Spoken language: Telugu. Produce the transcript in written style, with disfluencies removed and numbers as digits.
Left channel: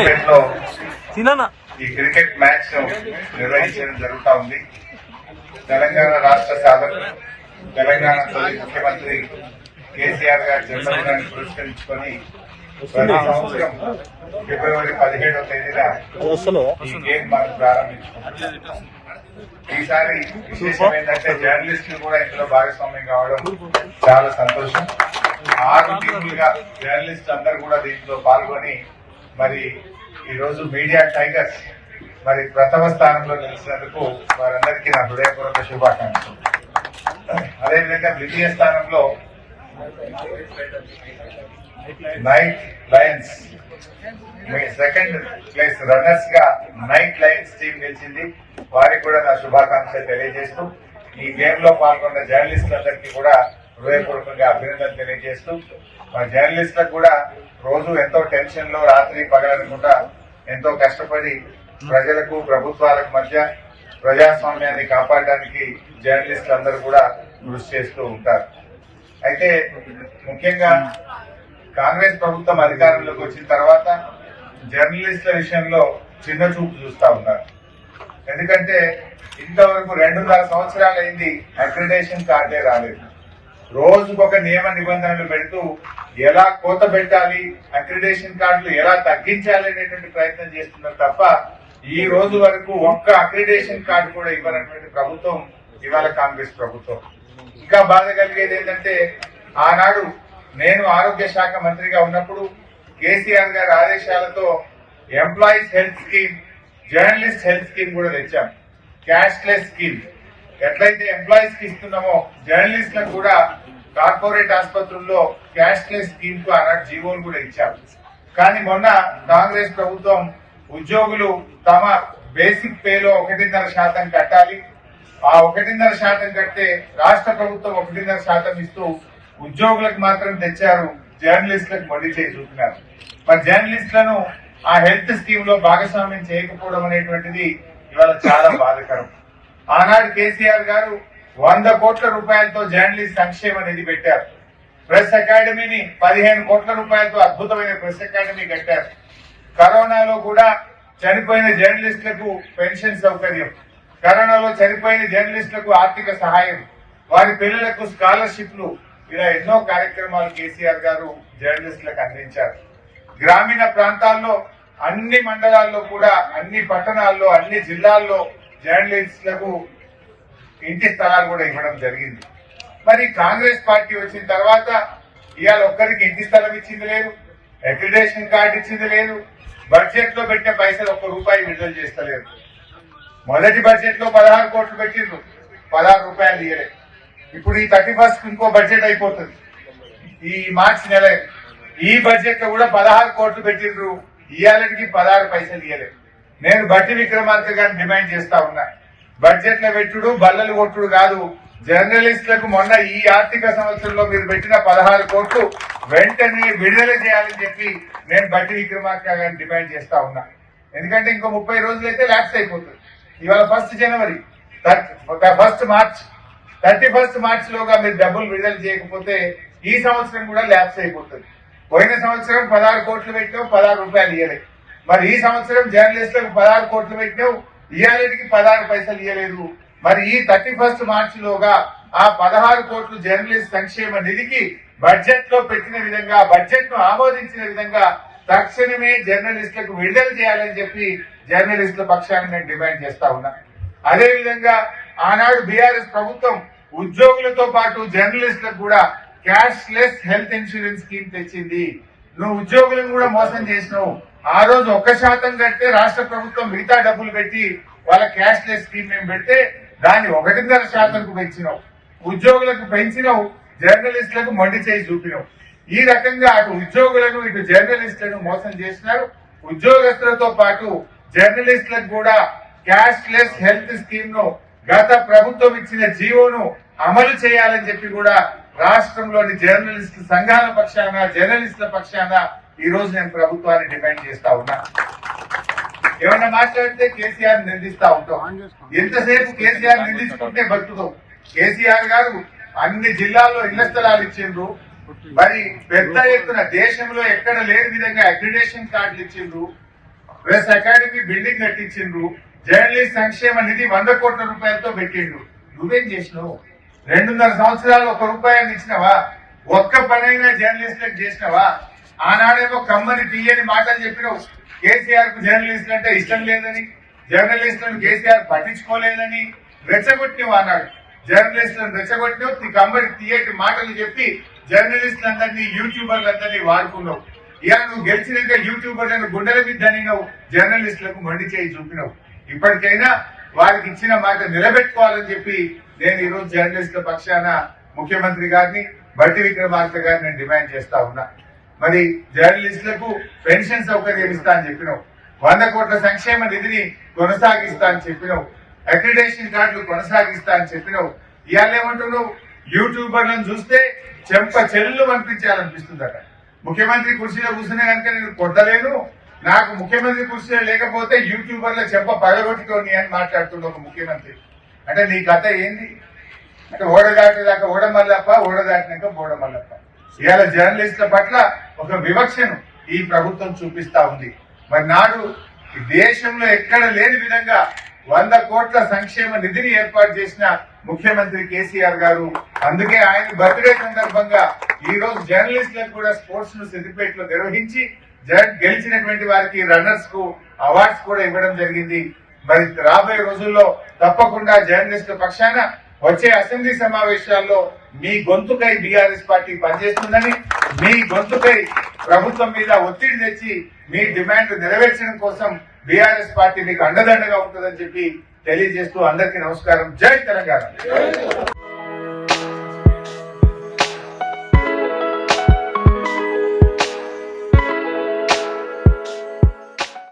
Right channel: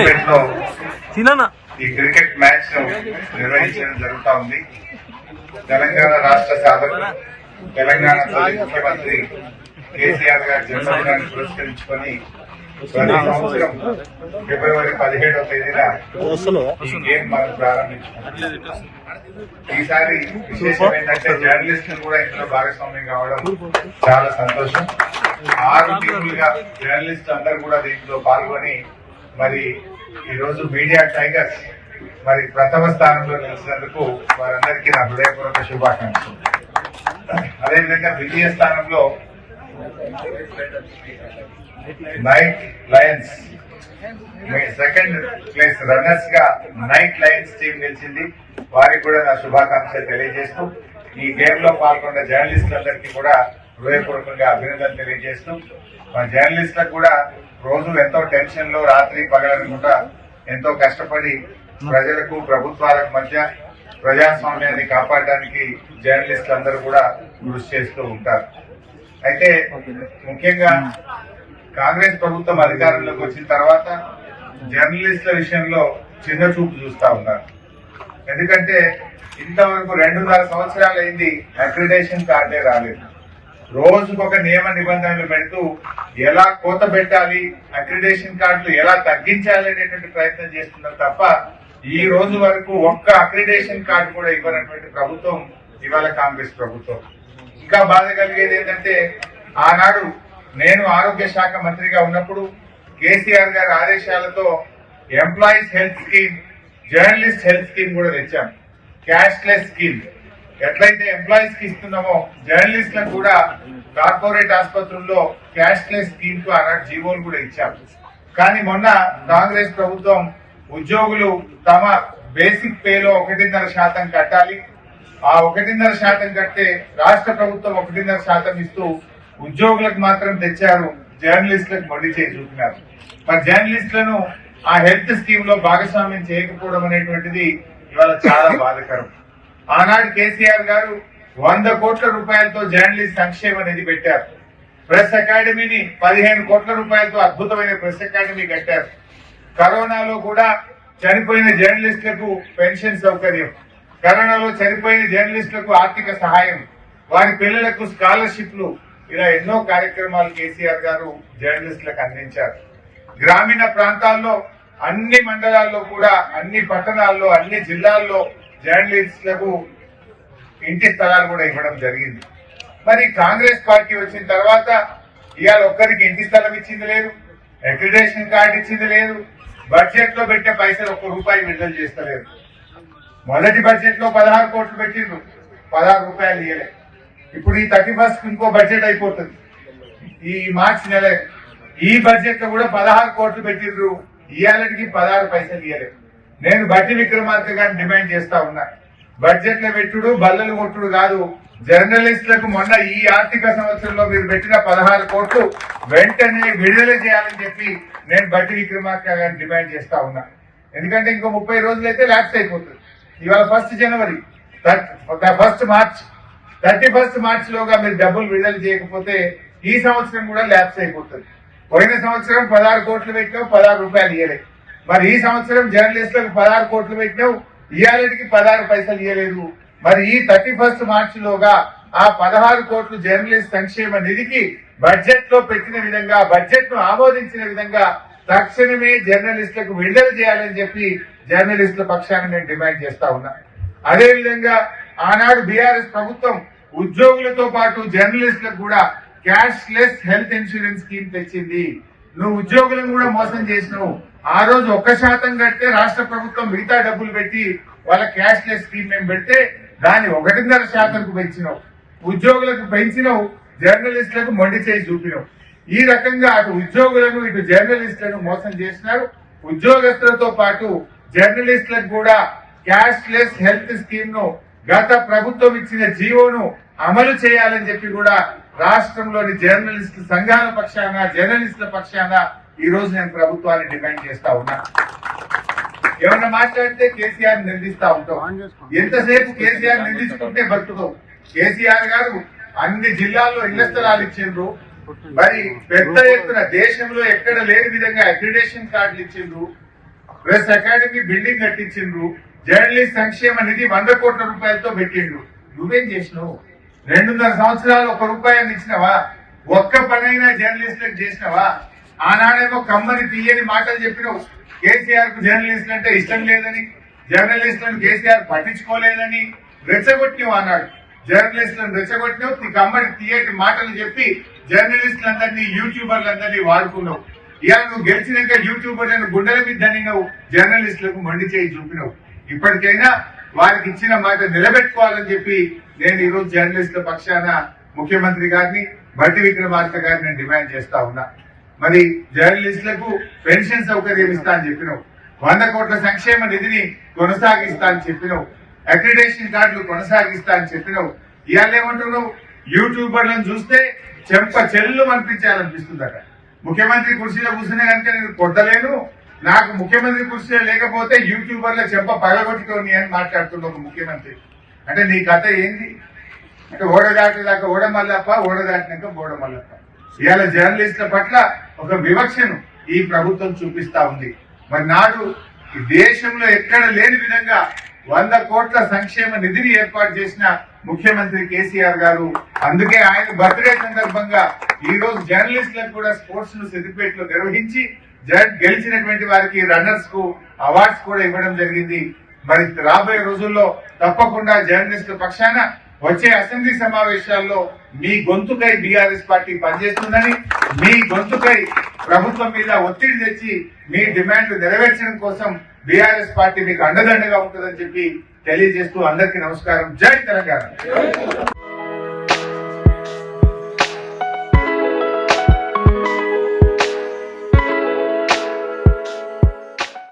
ఈ క్రికెట్ మ్యాచ్ నిర్వహించడం జరుగుతా ఉంది. తెలంగాణ రాష్ట్ర సాధకులు తెలంగాణ ముఖ్యమంత్రి కేసీఆర్ గారి జన్మదినాన్ని పురస్కరించుకొని ప్రతి సంవత్సరం ఫిబ్రవరి 17వ తేదీన ఈ గేమ్ మనం ప్రారంభించుకున్నాం. ఈసారి విశేషం ఏంటంటే జర్నలిస్టులు కూడా ఇంట్లో భాగస్వామ్యం కావడం చాలా సంతోషం. 6 టీములుగా జర్నలిస్ట్ అందరూ కూడా దీంట్లో పాల్గొని మరి ఈ రోజు మీడియా టైగర్స్ మరి ప్రథమ స్థానంలో నిలిచినందుకు వారందరికీ నా హృదయపూర్వక శుభాకాంక్షలు. అదేవిధంగా ద్వితీయ స్థానంలో night Lions second place runners గా నైట్ లయన్స్ టీం నిలిచింది. వారికి కూడా నా శుభాకాంక్షలు తెలియజేస్తూ ఈ గేమ్ లో పాల్గొన్న జర్నలిస్టులందరికీ కూడా హృదయపూర్వకంగా అభినందనలు తెలియజేస్తూ మా జర్నలిస్టులకు కూడా రోజు ఎంతో టెన్షన్ లో రాత్రి పగలనుకుంటా ఎంతో కష్టపడి ప్రజలకు ప్రభుత్వాలకు మధ్య ప్రజాస్వామ్యాన్ని కాపాడడానికి జర్నలిస్టులు అందరూ కూడా కృషి చేస్తూ ఉంటారు. అయితే ముఖ్యంగా కాంగ్రెస్ ప్రభుత్వం అధికారంలోకి వచ్చిన తర్వాత జర్నలిస్టుల విషయంలో చిన్న చూపు చూస్తా ఉన్నారు. ఎందుకంటే ఇంతవరకు 2.5 సంవత్సరాలైంది అక్రిడేషన్ కార్డే రాలేదు. రోజుకొక నియమ నిబంధనలు పెడుతూ ఎలా కోత పెట్టాలి, అక్రిడేషన్ కార్డులు ఎలా తగ్గించాలి అనేటువంటి ప్రయత్నం చేస్తున్నారు తప్ప ఈ రోజు వరకు ఒక్క అక్రిడేషన్ కార్డు కూడా ఇవ్వనటువంటి ప్రభుత్వం ఇవాళ కాంగ్రెస్ ప్రభుత్వం. ఇంకా బాధ కలిగేది ఏంటంటే ఆనాడు నేను ఆరోగ్య శాఖ మంత్రిగా ఉన్నప్పుడు కేసీఆర్ గారి ఆదేశాలతో employees health scheme, journalist health scheme కూడా తెచ్చాం. క్యాష్లెస్ స్కీమ్ ఎట్లయితే ఎంప్లాయీస్ కి ఇస్తున్నామో జర్నలిస్టులకు కూడా కార్పొరేట్ ఆసుపత్రుల్లో క్యాష్లెస్ స్కీమ్ కు ఆనాడు జీవోలు కూడా ఇచ్చాం. కానీ మొన్న కాంగ్రెస్ ప్రభుత్వం ఉద్యోగులు తమ బేసిక్ పేలో 1.5% కట్టాలి, ఆ 1.5% కడితే రాష్ట్ర ప్రభుత్వం 1.5% ఇస్తూ ఉద్యోగులకు మాత్రం తెచ్చారు, జర్నలిస్టులకు మొండి చేసి చూపినారు. మరి జర్నలిస్టులను ఆ హెల్త్ స్కీమ్ లో భాగస్వామ్యం చేయకపోవడం అనేటువంటిది ఇవాళ చాలా బాధాకరం. ఆనాడు కేసీఆర్ గారు 100 కోట్ల రూపాయలతో జర్నలిస్ట్ సంక్షేమ నిధి పెట్టారు. ప్రెస్ అకాడమీని 15 కోట్ల రూపాయలతో అద్భుతమైన ప్రెస్ అకాడమీ కట్టారు. కరోనాలో కూడా చనిపోయిన జర్నలిస్టులకు పెన్షన్ సౌకర్యం, కరోనాలో చనిపోయిన జర్నలిస్టులకు ఆర్థిక సహాయం, వారి పిల్లలకు స్కాలర్షిప్లు, ఇలా ఎన్నో కార్యక్రమాలు కేసీఆర్ గారు జర్నలిస్టులకు అందించారు. గ్రామీణ ప్రాంతాల్లో అన్ని మండలాల్లో కూడా అన్ని పట్టణాల్లో అన్ని జిల్లాల్లో జర్నలిస్టులకు ఇంటి స్థలాలు కూడా ఇవ్వడం జరిగింది. మరి కాంగ్రెస్ పార్టీ వచ్చిన తర్వాత ఇవాళ ఒక్కరికి ఇంటి స్థలం ఇచ్చింది లేదు, అక్రిడేషన్ కార్డు ఇచ్చింది లేదు, బడ్జెట్ లో పెట్టిన పైసలు ₹1 విడుదల చేస్తలేరు. మొదటి బడ్జెట్ లో 16 కోట్లు పెట్టిండ్రు, 16 రూపాయలు ఇయ్యలే. ఇప్పుడు ఈ 31st ఇంకో బడ్జెట్ అయిపోతుంది, ఈ మార్చి నెల. ఈ బడ్జెట్ లో కూడా 16 కోట్లు పెట్టిండ్రు, ఇయ్యాలకి 16 పైసలు ఇయ్యలే. నేను బట్టి విక్రమార్క గారిని డిమాండ్ చేస్తా ఉన్నా, బడ్జెట్ లో పెట్టుడు బల్లలు కొట్టుడు కాదు, జర్నలిస్టులకు మొన్న ఈ ఆర్థిక సంవత్సరంలో మీరు పెట్టిన 16 కోట్లు వెంటనే విడుదల చేయాలని చెప్పి నేను బట్టి విక్రమార్క గారిని డిమాండ్ చేస్తా ఉన్నా. ఎందుకంటే ఇంకో 30 రోజులైతే ల్యాప్స్ అయిపోతుంది. ఇవాళ 1 జనవరి, 31 మార్చ్ లోగా మీరు డబ్బులు విడుదల చేయకపోతే ఈ సంవత్సరం కూడా ల్యాప్స్ అయిపోతుంది. పోయిన సంవత్సరం 16 కోట్లు పెట్టావు, 16 రూపాయలు ఇయ్యలే. మరి ఈ సంవత్సరం జర్నలిస్టులకు 16 కోట్లు పెట్టినావు, ఇయ్యాలకి 16 పైసలు ఇయ్యలేదు. మరి ఈ 31 మార్చిలోగా ఆ 16 కోట్లు జర్నలిస్ట్ సంక్షేమ నిధికి బడ్జెట్ లో పెట్టిన విధంగా, బడ్జెట్ ను ఆమోదించిన విధంగా తక్షణమే జర్నలిస్టులకు విడుదల చేయాలని చెప్పి జర్నలిస్టుల పక్షాన్ని నేను డిమాండ్ చేస్తా ఉన్నా. అదేవిధంగా ఆనాడు బీఆర్ఎస్ ప్రభుత్వం ఉద్యోగులతో పాటు జర్నలిస్టులకు కూడా క్యాష్లెస్ హెల్త్ ఇన్సూరెన్స్ స్కీమ్ తెచ్చింది. నువ్వు ఉద్యోగులను కూడా మోసం చేసినావు. ఆ రోజు 1% కడితే రాష్ట్ర ప్రభుత్వం మిగతా డబ్బులు పెట్టి వాళ్ళ క్యాష్లెస్ స్కీమ్ మేము పెడితే దాన్ని 1.5%కు పెంచినావు. ఉద్యోగులకు పెంచినావు, జర్నలిస్టులకు మొండి చేసి చూపినావు. ఈ రకంగా అటు ఉద్యోగులను ఇటు జర్నలిస్టులను మోసం చేసినారు. ఉద్యోగస్తులతో పాటు జర్నలిస్టులకు కూడా క్యాష్లెస్ హెల్త్ స్కీమ్ ను గత ప్రభుత్వం ఇచ్చిన జీవోను అమలు చేయాలని చెప్పి కూడా రాష్ట్రంలోని జర్నలిస్టు సంఘాల పక్షాన, జర్నలిస్టుల పక్షాన ఈ రోజు నేను ప్రభుత్వాన్ని డిమాండ్ చేస్తా ఉన్నా. ఏమన్నా మాట్లాడితే కేసీఆర్ నిందిస్తా ఉంటాం. ఎంతసేపు కేసీఆర్ నిందించుకుంటే బతుకుతాం. కేసీఆర్ గారు అన్ని జిల్లాల్లో ఇళ్ల స్థలాలు ఇచ్చిండ్రు. మరి పెద్ద ఎత్తున దేశంలో ఎక్కడ లేని విధంగా అక్రిడేషన్ కార్డులు ఇచ్చిండ్రు. ప్రెస్ అకాడమీ బిల్డింగ్ కట్టించిండ్రు, జర్నలిస్ట్ సంక్షేమ నిధి 100 కోట్ల రూపాయలతో పెట్టిండ్రు. నువ్వేం చేసినావు? 2.5 సంవత్సరాలు 1 రూపాయలు ఇచ్చినవా? ఒక్క పనైనా జర్నలిస్టులకు చేసినవా? ఆనాడేమో కమ్మని తీయని మాటలు చెప్పినావు. కేసీఆర్ కు జర్నలిస్టులు అంటే ఇష్టం లేదని, జర్నలిస్టులను కేసీఆర్ పట్టించుకోలేదని రెచ్చగొట్టినావు. అన్నాడు జర్నలిస్టులను రెచ్చగొట్టినావు. కమ్మని తీయటి మాటలు చెప్పి జర్నలిస్టులందరినీ యూట్యూబర్లందరినీ వాడుకున్నావు. ఇవాళ నువ్వు గెలిచినాక యూట్యూబర్లను గుండెల మీద దనినావు, జర్నలిస్టులకు మొండి చేయి చూపినావు. ఇప్పటికైనా వారికి ఇచ్చిన మాట నిలబెట్టుకోవాలని చెప్పి నేను ఈరోజు జర్నలిస్టుల పక్షాన ముఖ్యమంత్రి గారిని, బట్టి విక్రమార్క గారిని నేను డిమాండ్ చేస్తా ఉన్నా. మరి జర్నలిస్టులకు పెన్షన్ సౌకర్యం ఇస్తా అని చెప్పినావు, 100 కోట్ల సంక్షేమ నిధిని కొనసాగిస్తా అని చెప్పినావు, అక్రిడేషన్ కార్డులు కొనసాగిస్తా అని చెప్పినావు. ఇవాళ ఏమంటున్నావు? యూట్యూబర్లను చూస్తే చెంప చెల్లు అనిపించాలనిపిస్తుందట. ముఖ్యమంత్రి కుర్చీలో కూర్చునే కనుక నేను కొట్టలేను, నాకు ముఖ్యమంత్రి కుర్చీలో లేకపోతే యూట్యూబర్ల చెంప పగలగొట్టుకోని అని మాట్లాడుతున్న ఒక ముఖ్యమంత్రి. అంటే నీ కథ ఏంది? అంటే ఓడదాటిదాకా ఓడమల్లప్ప, ఓడదాటినాక బోడమల్లప్ప. ఇవాళ జర్నలిస్టుల పట్ల ఒక వివక్షను ఈ ప్రభుత్వం చూపిస్తా ఉంది. మరి నాడు ఈ దేశంలో ఎక్కడ లేని విధంగా 100 కోట్ల సంక్షేమ నిధిని ఏర్పాటు చేసిన ముఖ్యమంత్రి కేసీఆర్ గారు. అందుకే ఆయన బర్త్డే సందర్భంగా ఈ రోజు జర్నలిస్టులకు కూడా స్పోర్ట్స్ ను సిద్దిపేటలో నిర్వహించి గెలిచినటువంటి వారికి రన్నర్స్ కు అవార్డ్స్ కూడా ఇవ్వడం జరిగింది. మరి రాబోయే రోజుల్లో తప్పకుండా జర్నలిస్టుల పక్షాన వచ్చే అసెంబ్లీ సమావేశాల్లో మీ గొంతుకై బీఆర్ఎస్ పార్టీ పనిచేస్తుందని, మీ గొంతుకై ప్రభుత్వం మీద ఒత్తిడి తెచ్చి మీ డిమాండ్ నెరవేర్చడం కోసం బీఆర్ఎస్ పార్టీ మీకు అండదండగా ఉంటుందని చెప్పి తెలియజేస్తూ అందరికీ నమస్కారం. జై తెలంగాణ.